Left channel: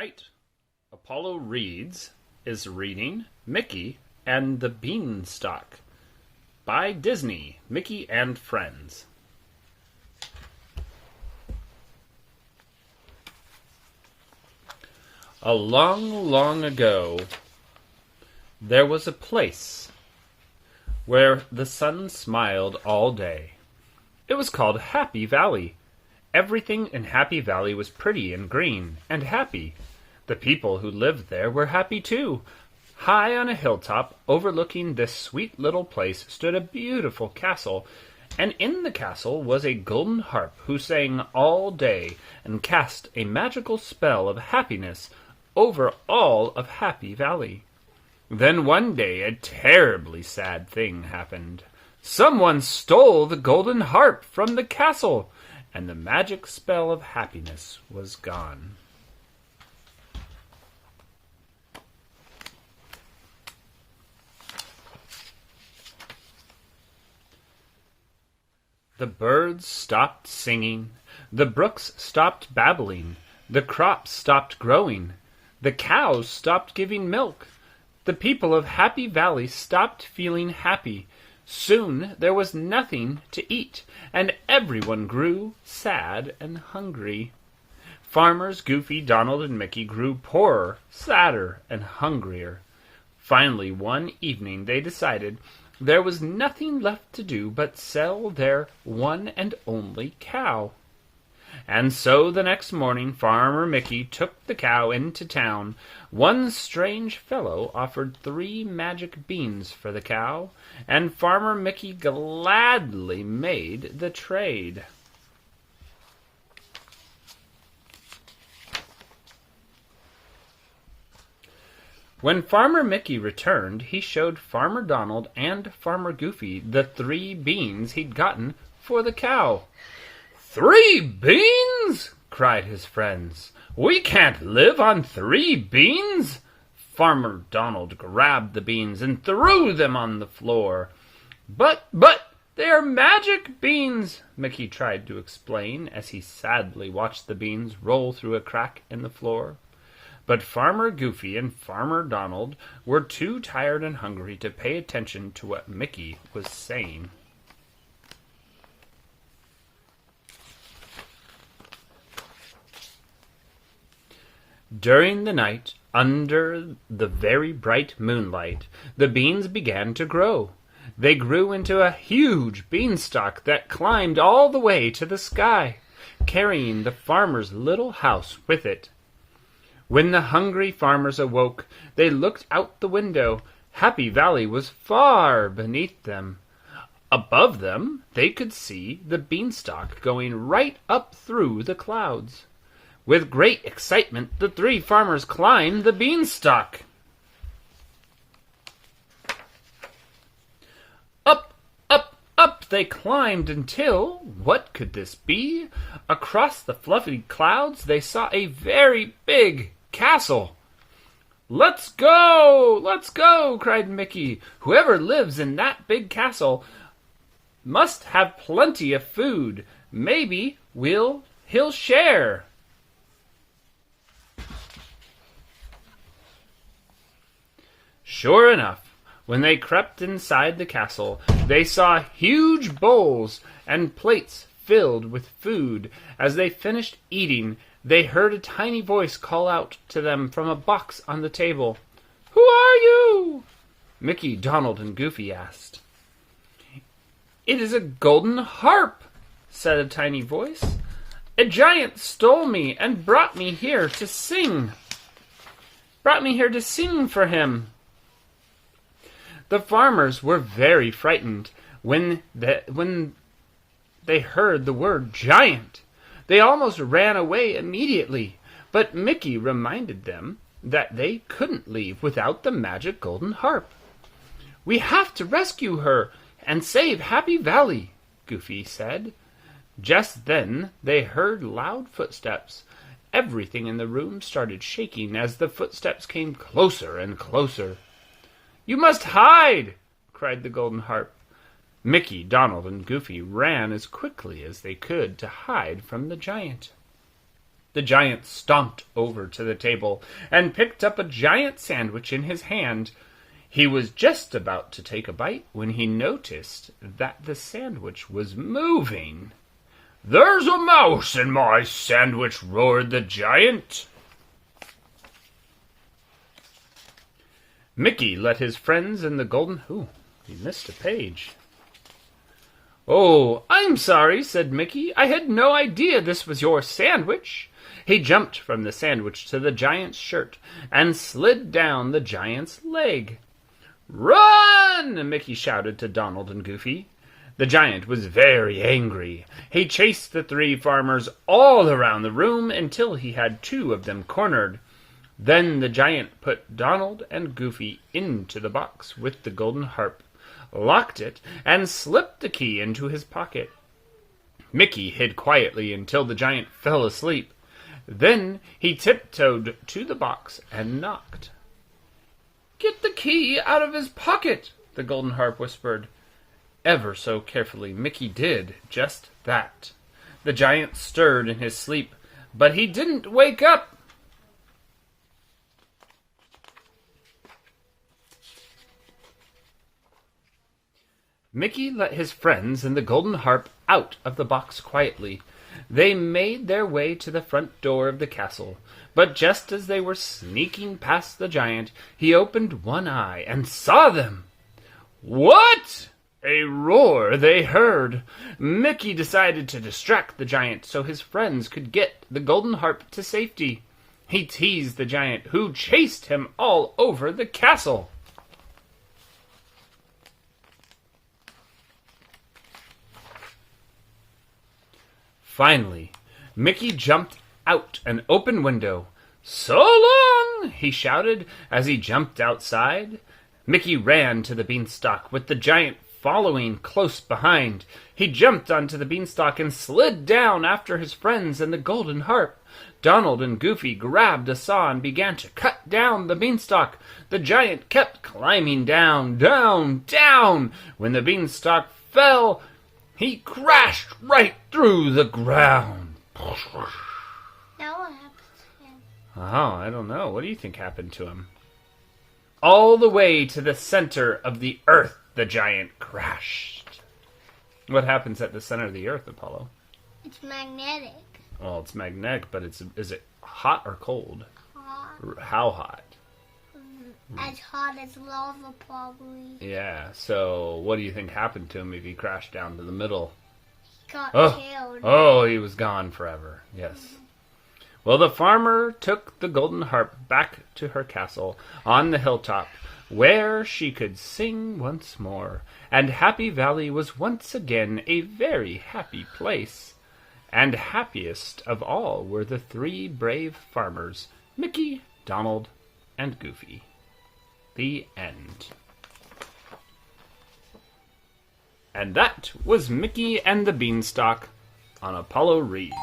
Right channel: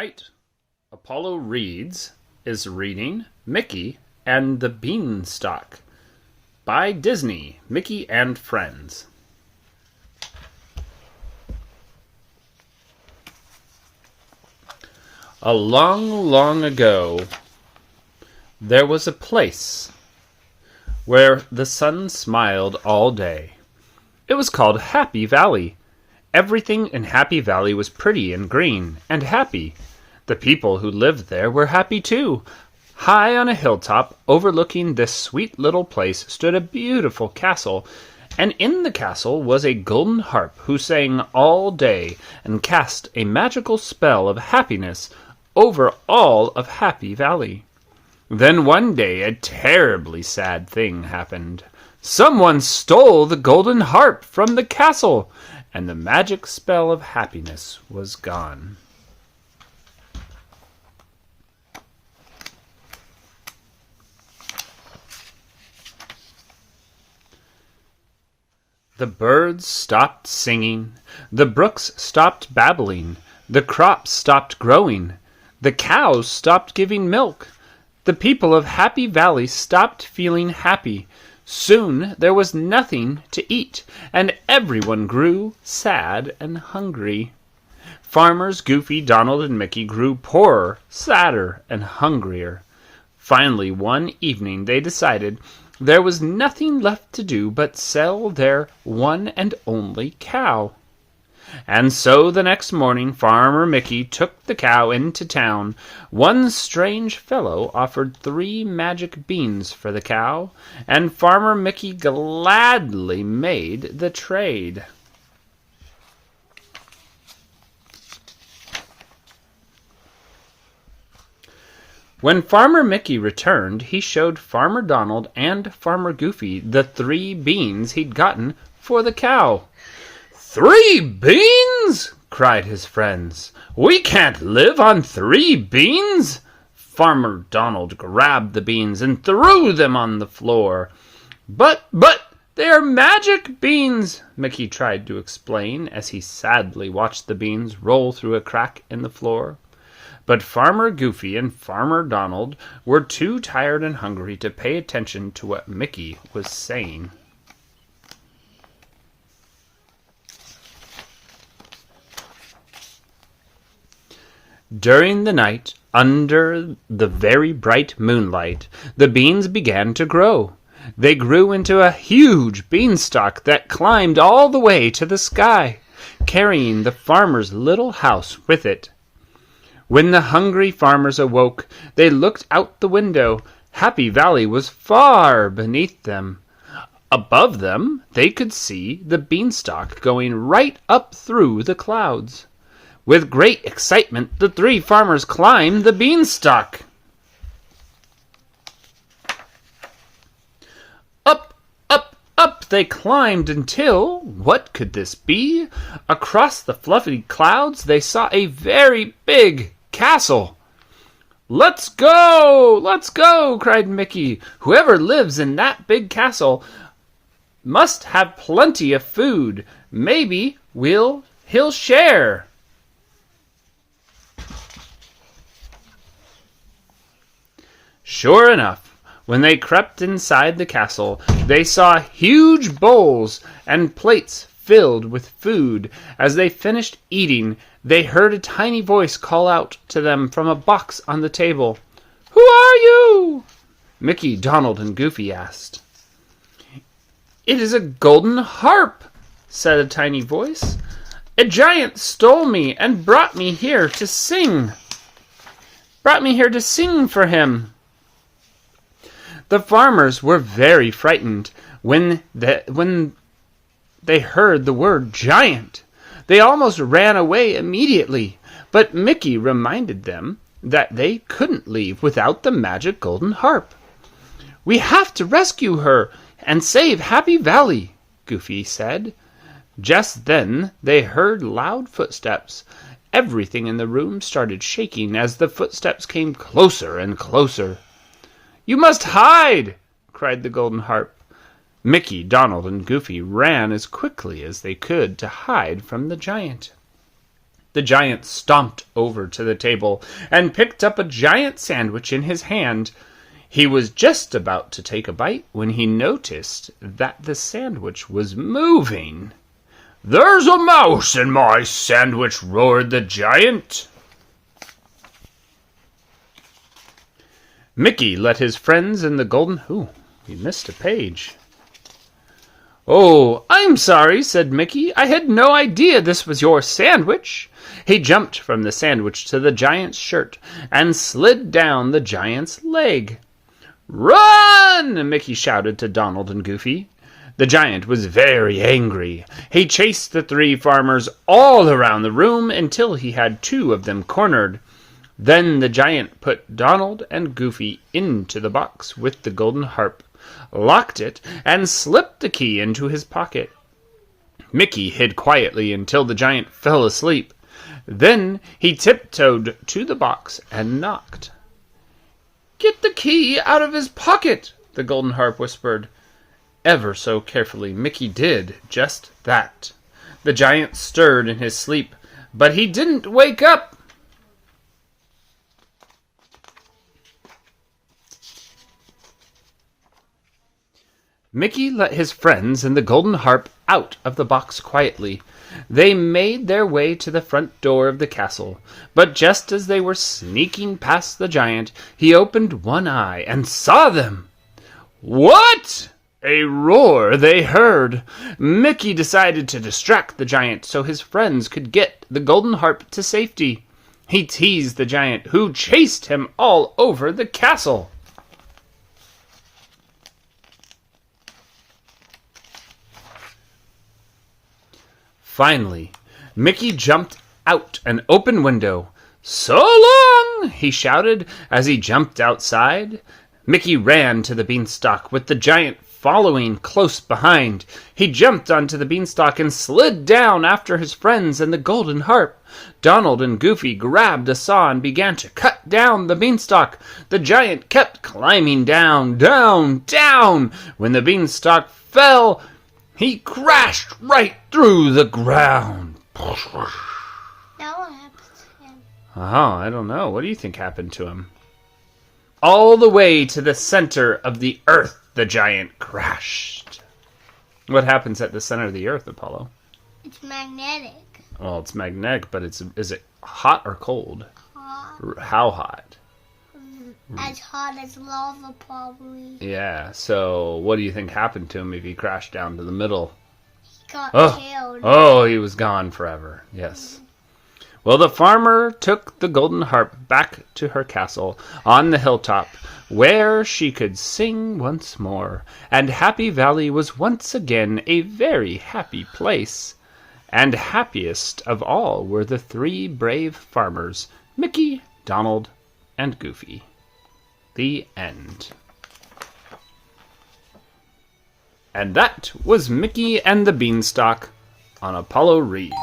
Tonight, Apollo Reads is reading Mickey and the Beanstalk by Disney, Mickey and Friends. A long, long ago, there was a place where the sun smiled all day. It was called Happy Valley. Everything in Happy Valley was pretty and green and happy. The people who lived there were happy too. High on a hilltop overlooking this sweet little place stood a beautiful castle, and in the castle was a golden harp who sang all day and cast a magical spell of happiness over all of Happy Valley. Then one day a terribly sad thing happened. Someone stole the golden harp from the castle, and the magic spell of happiness was gone. The birds stopped singing, the brooks stopped babbling, the crops stopped growing, the cows stopped giving milk. The people of Happy Valley stopped feeling happy. Soon there was nothing to eat, and everyone grew sad and hungry. Farmers Goofy, Donald, and Mickey grew poorer, sadder, and hungrier. Finally, one evening they decided there was nothing left to do but sell their one and only cow. And so the next morning Farmer Mickey took the cow into town. One strange fellow offered 3 magic beans for the cow, and Farmer Mickey gladly made the trade. When Farmer Mickey returned, he showed Farmer Donald and Farmer Goofy the 3 beans he'd gotten for the cow. 3 beans? Cried his friends. We can't live on 3 beans. Farmer Donald grabbed the beans and threw them on the floor. But, they are magic beans, Mickey tried to explain as he sadly watched the beans roll through a crack in the floor. But Farmer Goofy and Farmer Donald were too tired and hungry to pay attention to what Mickey was saying. During the night, under the very bright moonlight, the beans began to grow. They grew into a huge beanstalk that climbed all the way to the sky, carrying the farmer's little house with it. When the hungry farmers awoke, they looked out the window. Happy Valley was far beneath them. Above them, they could see the beanstalk going right up through the clouds. With great excitement, the 3 farmers climbed the beanstalk. Up, up, up they climbed until, what could this be? Across the fluffy clouds they saw a very big castle. Let's go, cried Mickey. Whoever lives in that big castle must have plenty of food. Maybe he'll share. Sure enough, when they crept inside the castle, they saw huge bowls and plates filled with food. As they finished eating, they heard a tiny voice call out to them from a box on the table. Who are you? Mickey, Donald, and Goofy asked. It is a golden harp, said a tiny voice. A giant stole me and brought me here to sing. For him. The farmers were very frightened when they heard the word giant. They almost ran away immediately, but Mickey reminded them that they couldn't leave without the magic golden harp. We have to rescue her and save Happy Valley, Goofy said. Just then they heard loud footsteps. Everything in the room started shaking as the footsteps came closer and closer. You must hide, cried the golden harp. Mickey, Donald, and Goofy ran as quickly as they could to hide from the giant. The giant stomped over to the table and picked up a giant sandwich in his hand. He was just about to take a bite when he noticed that the sandwich was moving. "There's a mouse in my sandwich," roared the giant. Mickey let his friends in the golden... Ooh, he missed a page. "Oh, I'm sorry," said Mickey. "I had no idea this was your sandwich." He jumped from the sandwich to the giant's shirt and slid down the giant's leg. "Run!" Mickey shouted to Donald and Goofy. The giant was very angry. He chased the three farmers all around the room until he had two of them cornered. Then the giant put Donald and Goofy into the box with the golden harp, locked it, and slipped the key into his pocket. Mickey hid quietly until the giant fell asleep. Then he tiptoed to the box and knocked. "Get the key out of his pocket," the golden harp whispered. Ever so carefully, Mickey did just that. The giant stirred in his sleep, but he didn't wake up. Mickey let his friends and the golden harp out of the box quietly. They made their way to the front door of the castle, but just as they were sneaking past the giant, he opened one eye and saw them. What? A roar they heard. Mickey decided to distract the giant so his friends could get the golden harp to safety. He teased the giant, who chased him all over the castle. Finally, Mickey jumped out an open window. "So long!" he shouted as he jumped outside. Mickey ran to the beanstalk with the giant following close behind. He jumped onto the beanstalk and slid down after his friends and the golden harp. Donald and Goofy grabbed a saw and began to cut down the beanstalk. The giant kept climbing down, down, down. When the beanstalk fell, he crashed right through the ground. Now what happened to him? Oh, I don't know. What do you think happened to him? All the way to the center of the earth, the giant crashed. What happens at the center of the earth, Apollo? It's magnetic. Well, it's magnetic, but is it hot or cold? Hot. How hot? As hot as lava, probably. Yeah, so what do you think happened to him if he crashed down to the middle? He got killed. Oh, he was gone forever. Yes. Well, the farmer took the golden harp back to her castle on the hilltop, where she could sing once more, and Happy Valley was once again a very happy place. And happiest of all were the three brave farmers, Mickey, Donald, and Goofy. The end. And that was Mickey and the Beanstalk on Apollo Reads.